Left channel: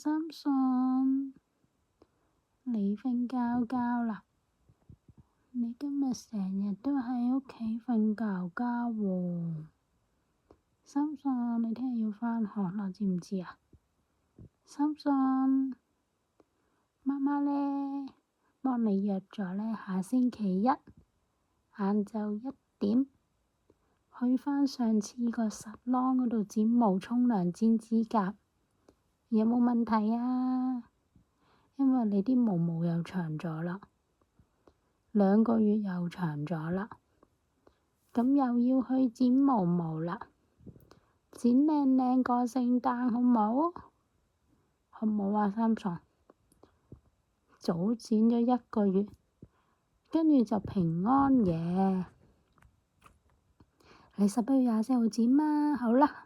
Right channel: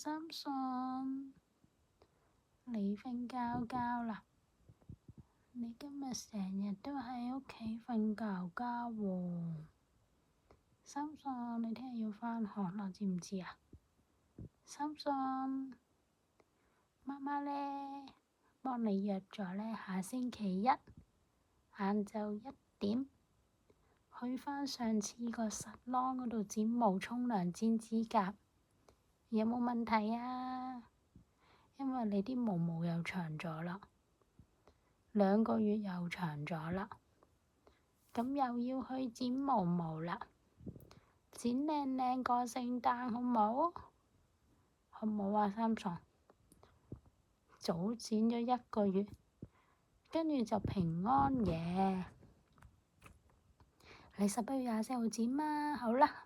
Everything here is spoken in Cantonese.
三信，你瞓覺啦？你今日成日都喺屋企瞓覺喎。三信，你聽日要返學啦，知唔知啊？三信，媽媽呢，幫你約咗呢，下星期一晏晝1點去返上次個salon嗰度剪毛、沖涼、剪指甲，有冇問題啊？因為你啲毛又長咗啦，2個月又長咗啦，咁又要去剪毛啦，剪靚靚過聖誕好冇？好冇啊，三信？早剪咗1個月，跟住就平安夜。你11月24號剪嘛？好啦。